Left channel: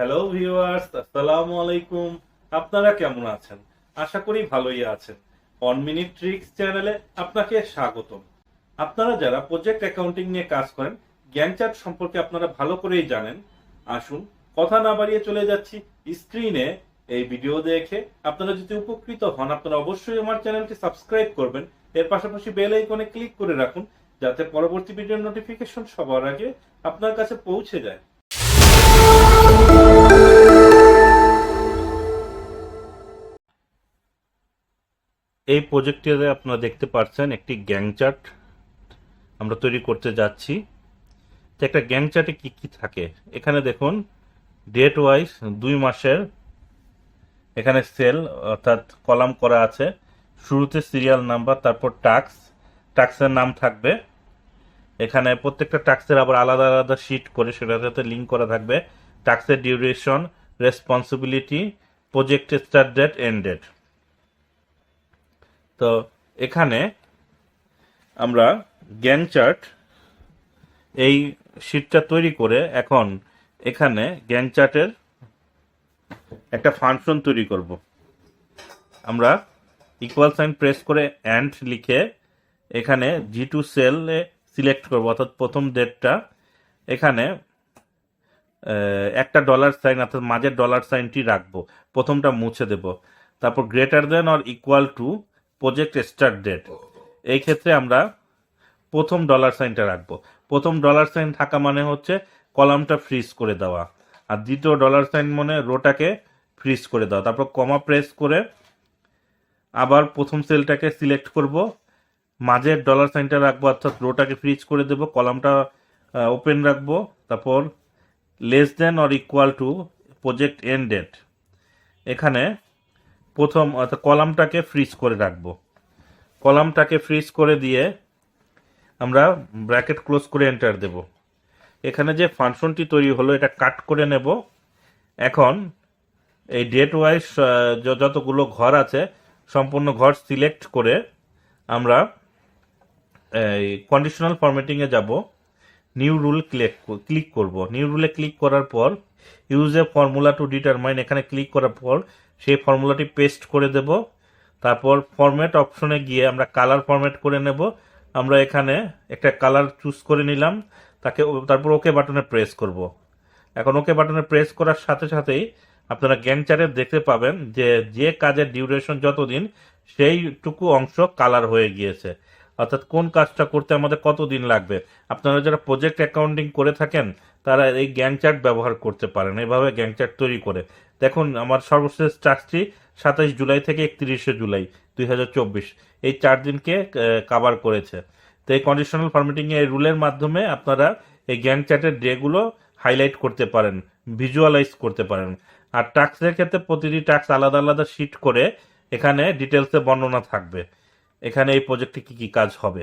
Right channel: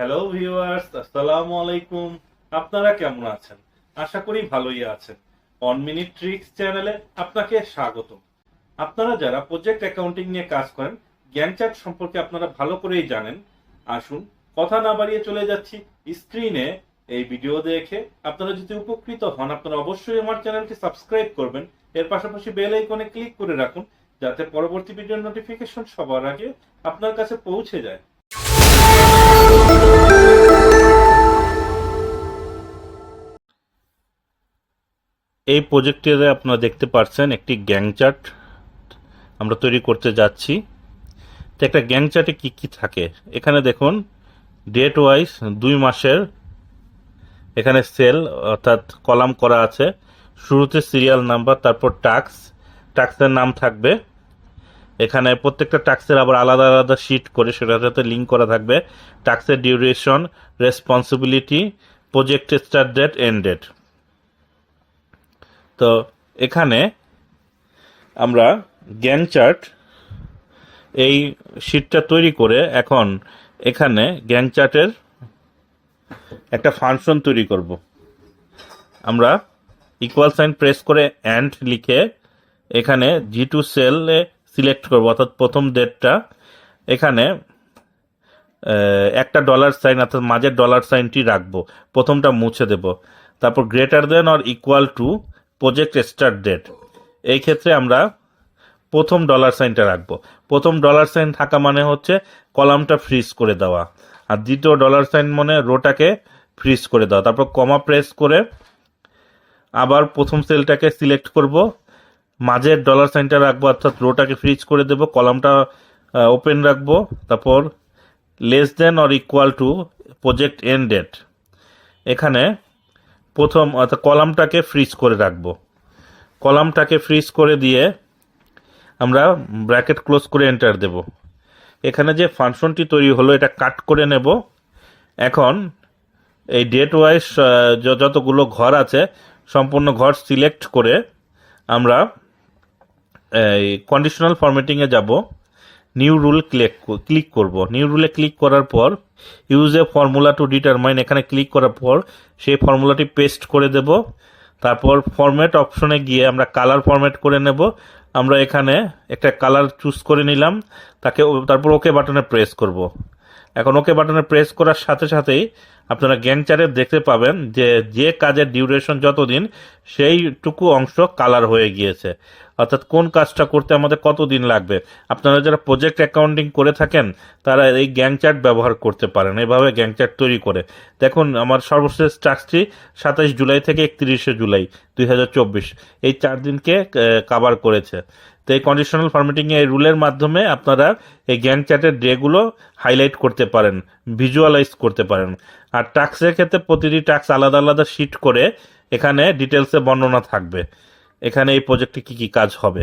Hello viewers, আসসালামু আলাইকুম। আপনারা কেমন আছেন? আশা করি ভালোই আছেন। 1 মিনিট ট্রিক্স চ্যানেলে আপনাকে স্বাগতম। আপনারা যারা প্রজেক্ট অ্যাকাউন্টিং নিয়ে কাজ করেন, গ্যান্ট চার্ট সম্পর্কে আপনারা ভালো করেই জানেন। আসুন কথা না বাড়িয়ে চলে যাচ্ছি স্ক্রিনে। এই ভিডিও দেখে আপনারা যদি উপকৃত হন, আপনারা অবশ্যই আমার চ্যানেলটি সাবস্ক্রাইব করবেন। এর পাশাপাশি বেল আইকনে ক্লিক করে রাখুন, যাতে পরবর্তী ভিডিওর নোটিফিকেশন সবার আগে আপনার কাছে পৌঁছে যায়। এই প্রজেক্টে আপনারা দেখতে পাচ্ছেন একটি গ্যাং চার্ট আমরা তৈরি করতে যাচ্ছি। তো একটা গ্যাং চার্টে কি কি থাকে এখানে দেখুন। ডেট ওয়াইজ 2 মাসের এখানে সেল অর্থাৎ কলাম করা আছে। শুরুতে সিরিয়াল নাম্বার, তারপর ট্যাক্সের নাম থাকবে। এখানে প্রত্যেকটা ট্যাক্সের আবার আলাদা আলাদা শিট করে সেটার সাথে লিঙ্ক করা থাকবে। ট্যাক্সের duration, responsibility, project start date, end date. তো এখানে আমরা গ্যাং চার্ট এই শিটটা তৈরি করে এখন এখানে গ্যাং চার্টের একটা ফাংশন তৈরি করব। আমরা ইকুয়াল সাইন প্রেস করে অ্যান্ড লিখে এখানে G2 সেলে সিলেক্ট করব, অর্থাৎ প্রথম ডেটটা। এখানে একটা ডলার সাইন অর্থাৎ মাঝের ডলার সাইনটি রাখবো, প্রথমটা মুছে দেব। তারপর greater than or equal to project start date, এই ক্ষেত্রে আমরা প্রথম ডলার সাইনটা রাখবো। প্রথম ডলার সাইন থাকা মানে হচ্ছে কলামটা ফ্রিজ করে দেওয়া, আর দ্বিতীয় ডলার সাইন মানে রোটাকে ফ্রিজ করে দেওয়া। তারপর কমা প্রেস করে আবার প্রথম সেলটাকে সিলেক্ট করব, মাঝের ডলার সাইনটা রাখবো অর্থাৎ রোটাকে ফ্রিজ করে দেব, কলামটা ওপেন রাখবো। তারপর less than or equal to project end date, এখানে প্রথম অর্থাৎ কলামটাকে ফ্রিজ করে রাখবো। কলামটাকে ফ্রিজ করে দিয়ে আমরা ব্র্যাকেট ক্লোজ করে এন্টার দেব। এখানে যে ফাংশনটি তৈরি হলো এটা কাট করে নেব। এখন এই ডেট ওয়াইজ যতগুলো ঘর আছে সম্পূর্ণ ঘর সিলেক্ট করে আমরা এই কন্ডিশনাল ফরম্যাটিংয়ে যাব। নিউ রুল ক্লিক করব। নিউ রুলে ক্লিক করার পর use a formula to determine, এখানে ক্লিক করার পর সেই ফর্মুলাটি পেস্ট করে দেব। তারপর ফরম্যাট অপশনে গিয়ে আমরা কালার ফরম্যাট করে নেব। আমরা এখানে একটা কালার চুজ করে নিলাম, তারপর ওকে বাটনে প্রেস করব। এখন ওকে বাটনে প্রেস করার সাথে সাথেই আপনারা গ্যাং চার্টে দেখতে পাবেন যে কাজের ডিউরেশন যতদিন সেইটুকু অংশ কালার হয়ে গিয়েছে, অর্থাৎ কোন কাজটা করতে আমাদের কতদিন লাগবে। আপনারা যারা প্রজেক্ট অ্যাকাউন্টিং করে থাকেন তারা এই গ্যাং চার্ট ব্যবহার করতে পারেন, এভাবে গ্যাং চার্ট তৈরি করে। দেখুন আমার সর্বশেষ টাস্কটি 27 জুলাই থেকে 31শে জুলাই 2024, এই 4 দিনকে কাভার করেছে। তো এই কন্ডিশনাল ফরম্যাটিং এই রুলের মাধ্যমে আপনারা এই গ্যাং চার্টের ডেগুলো হাইলাইট করতে পারেন, ভিজুয়ালাইজ করতে পারেন। আর টাস্কের ক্ষেত্রে প্রতিটি টাস্ক আলাদা আলাদা শিট করে এখানে ডিটেলসে বর্ণনা থাকবে, এখানে এই প্রজেক্টে কি কি কাজ হবে।